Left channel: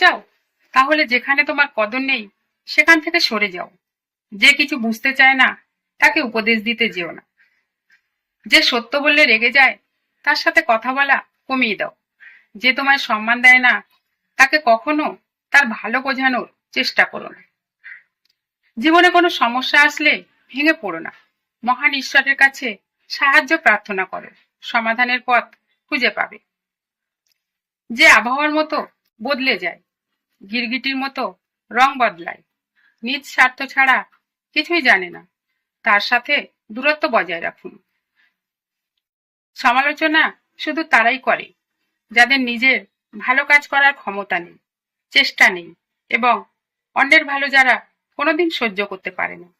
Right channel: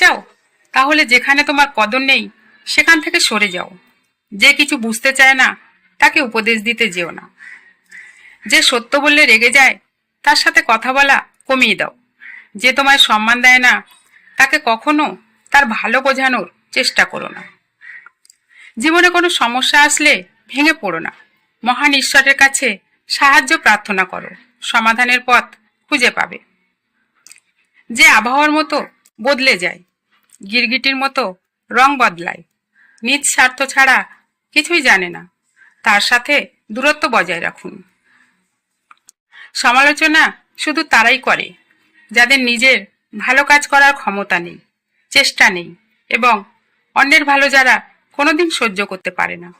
চাও তাহলে যেখানে তোমার কদর নেই সেখান থেকে সরে যাও। যে কিছু বুঝতে চায় না তাকে উপদেশ দিতে যেও না। যে সত্য বললে রেগে যায় তার সাথে কথা বলা কমিয়ে দাও। যে তোমায় সম্মান দেয় না তাকে কখনো তার ভালো বোঝানোর চেষ্টা করো না। জীবনে কোনো সমস্যা আসলে ভেঙে পড়ো না, মহান ঈশ্বরের কাছে সাহায্য প্রার্থনা করো, সমাধানের পথ খুঁজে পাবে। যে আবহাওয়ার মতো বদলে যায়, গিরগিটির মতো রং বদলায়, নিজ স্বার্থ ছাড়া কিছুই জানে না, তার সাথে দূরত্ব বজায় রাখুন। সমালোচনা শুধু তারাই করে যাদের নিজের ভালো কাজ করার ক্ষমতা নেই, চেষ্টা নেই এবং অন্যের ভালো যারা কোনোদিন সহ্য করতে পারে না।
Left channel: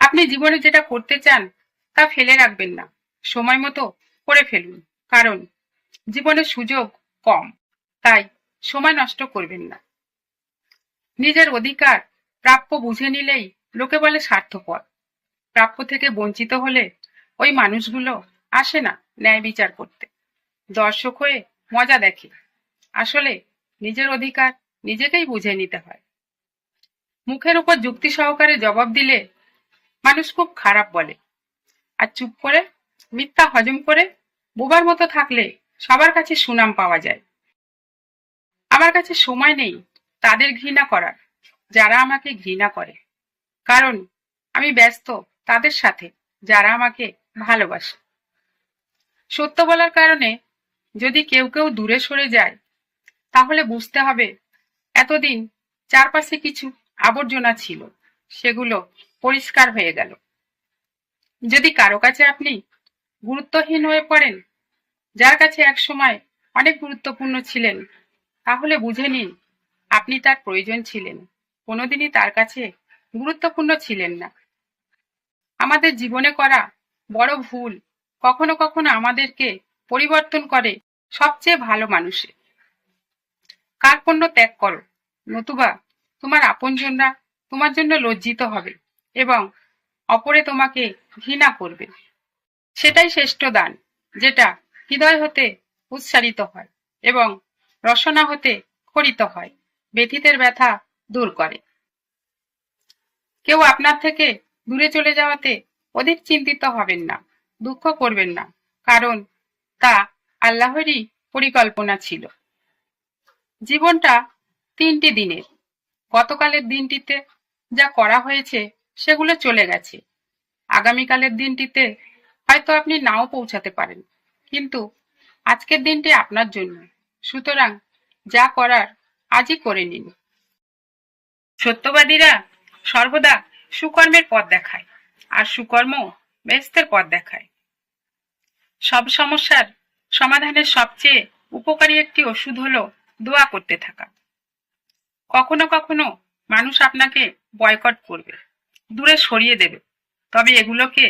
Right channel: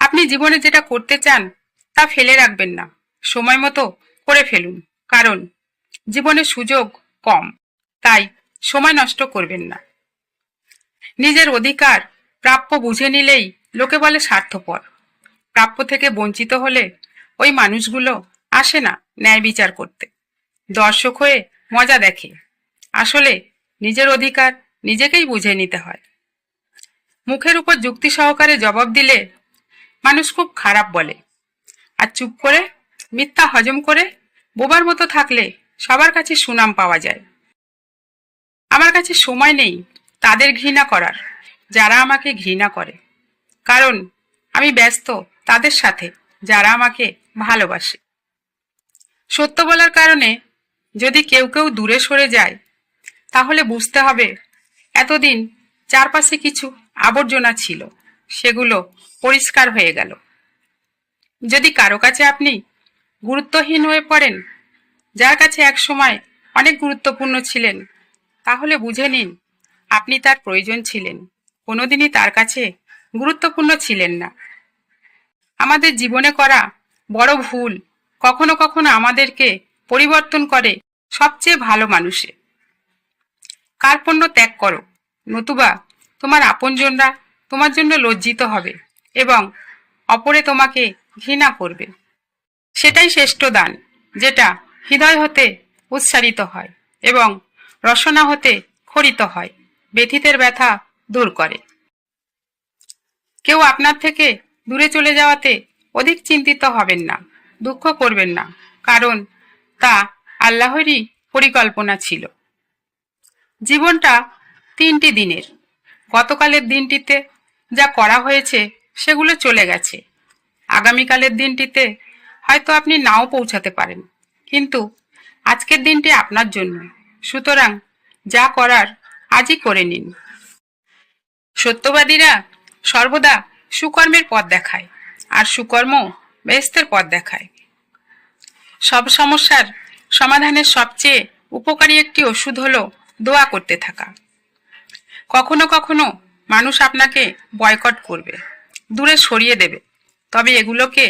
আপনি জীবনে যেটা করতে চান তা ফেলে রাখবেন না, সময় মতো করে ফেলুন। কারণ জীবনে সুযোগ কম, তাই সময় নষ্ট করবেন না। নিজের অধিকার প্রাপ্য বুঝে নিলেই লোকে বলে স্বার্থপর। প্রাপ্য থেকে বঞ্চিত হলে ওই মানুষগুলো আসে না ন্যায় বিচার করতে, দর্শক হয়ে মজা দেখে। আসলে নিজের অধিকার নিজেকেই বুঝে নিতে হয়। মুখের উপর যুক্তি সহকারে জবাব দিলে মানুষ খুব খারাপ বলে, আর চুপ করে মিথ্যা হজম করে বোবার মতো থাকলে সবার কাছে সুনাম পাওয়া যায়। আমার কাছে সময় নেই তাদের ঘৃণা করার যারা আমাকে ঘৃণা করে, কারণ আমি ব্যস্ত তাদের সাথে যারা আমাকে ভালোবাসে। সত্য বলার কারণে যদি কেউ কেউ দূরে সরে যায় তাহলে বুঝতে হবে এতদিন চারপাশে কিছু আবর্জনা ছিল, সেগুলো পরিষ্কার হয়ে গেল। যদি কারো কাছে আপনি গুরুত্বহীন হয়ে পড়েন, যার কাছে এক সময় অনেক গুরুত্বপূর্ণ ছিলেন, তাহলে বুঝে নিন আপনি তার প্রয়োজন ছিলেন, কোনোদিনই তার কাছে গুরুত্বপূর্ণ ছিলেন না। আমাদের জীবনে করা বড় ভুল কখনো কখনো আমাদেরকে পরিবর্তন করে সবচেয়ে ভালো মানুষে। কার্পণ্য ত্যাগ করো, নতুবা তোমার আপনজনরা তোমার জন্য লজ্জিত হবে এবং অপরে তোমাকে ঘৃণা করবে। সেটাই শ্রেষ্ঠ দান, যেটা হৃদয় হতে উচ্চারিত হয় এবং রসনা হতে খরিত হয়, ব্যথিতের ব্যথা দূর করে। কেউ আপনার থেকে দূরে চলে যাওয়াতে অধিক চিন্তিত হবেন না, দুঃখ করবেন না, কারণ তা আল্লাহরই পরিকল্পনা ছিল। জীবনটা 3টি দিনের। গতকালের দিনটিতে যা করা হয়েছে সেগুলো চলে গেছে। আগামীকালের দিনটিতে হয়তো আপনি নাও পৌঁছাতে পারেন, কিন্তু আজকের দিনটি আপনার জন্য। সুতরাং যা করার আজই করে নিন। সত্যবাদীরা সর্বদা সুকর্মের পথ দেখায়, আর সুকর্ম বেহেশতের পথ দেখায়। সব সমস্যার সমাধানের সবচেয়ে উপকারী একটি ওষুধ হলো দোয়া করতে থাকা। কখনো কখনো মানুষ আপনাকে বয়কট করবে, দূরে সরিয়ে দেবে, তবে এগুলোকে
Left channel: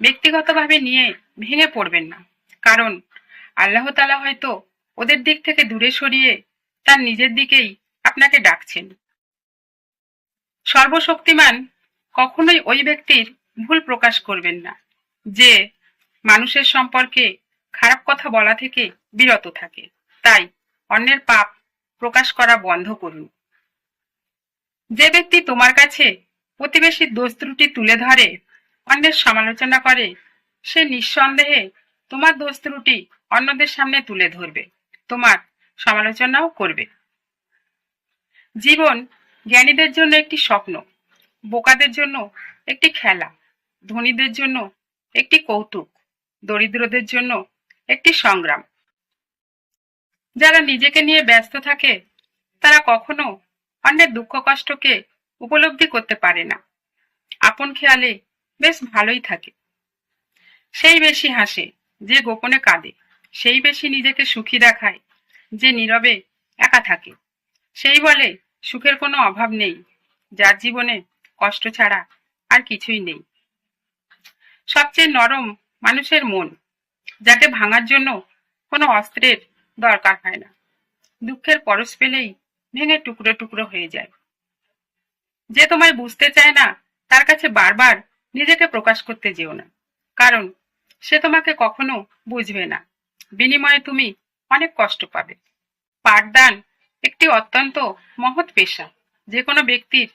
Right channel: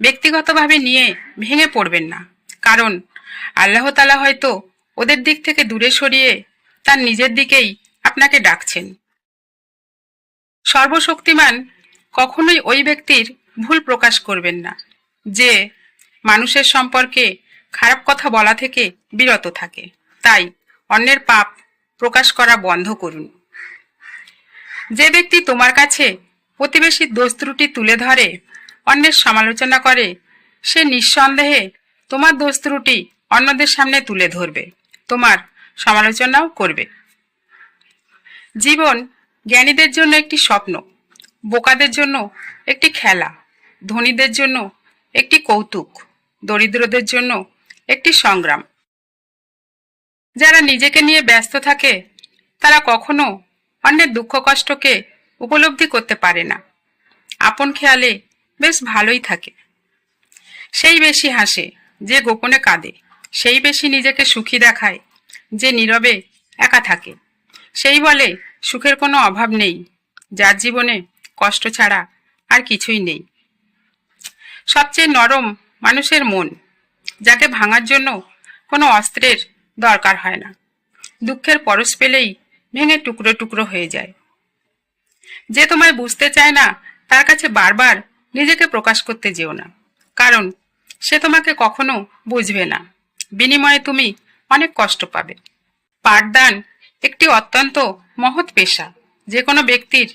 ব্যক্তিগতভাবে নিয়ে ভেঙে পড়বেন না, কারণ আল্লাহ তাআলা হয়তো ওদের দিক থেকে দূরে সরিয়ে তার নিজের দিকেই আপনাকে ডাকছেন। সর্বশক্তিমান কখনোই ওই ব্যক্তির ভুল প্রকাশ করবেন না যে মানুষের সম্পর্কে খারাপ কথা বলা থেকে বিরত থাকে। তাই অন্যের পাপ প্রকাশ করা বন্ধ করুন। যে ব্যক্তি তোমার কাছে প্রতিবেশীর দোষ ত্রুটি তুলে ধরে, অন্যের সমালোচনা করে, সে নিঃসন্দেহে তোমার দোষ ত্রুটি অন্যদের সামনে তুলে ধরবে, তোমার সমালোচনাও করবে। জীবন জ্ঞানীদের জন্য একটি স্বপ্ন, বোকাদের জন্য একটি খেলা, ধনীদের জন্য একটি কৌতুক, দরিদ্রদের জন্য একটি সংগ্রাম। যারা নিজেকে নিয়ে ব্যস্ত থাকে তারা কখনো অন্যের দুঃখ কষ্টকে উপলব্ধি করতে পারে না। আপন খেয়ালে বেশ ভালোই থাকে। সেই বেশি হাসে যে গোপনে কাঁদে, সেই বেশি নিজেকে সুখী দেখায় যে নীরবে একা থাকে। সেই বলে সুখের কোনো অভাব নেই, যার জীবনে কষ্ট ছাড়া আর কিছুই নেই। সবচেয়ে নরম মানুষের মন, যাকে ভাঙার জন্য কোনো অস্ত্রের দরকার হয় না। দুঃখের পরশ পেলেই ভেঙে টুকরো টুকরো হয়ে যায়। যে তোমায় বুঝতে চায় না তার কাছে বারবার নিজেকে প্রকাশ করতে যেও না, কারণ সে তোমাকে কখনো বুঝবে না। বিনিময়ে তুমি অনেক কষ্ট পাবে। পাঠদান একটি অত্যন্ত মহৎ পেশা, যে কোনো ব্যক্তির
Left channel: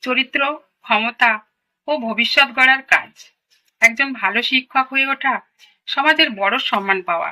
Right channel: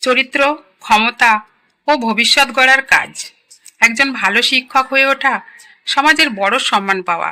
চরিত্র, ক্ষমতা ও ভবিষ্যৎ গড়ার কাজ। একজন ভালো শিক্ষক হয়ে ওঠা সমাজের বড় সম্মান পাওয়া।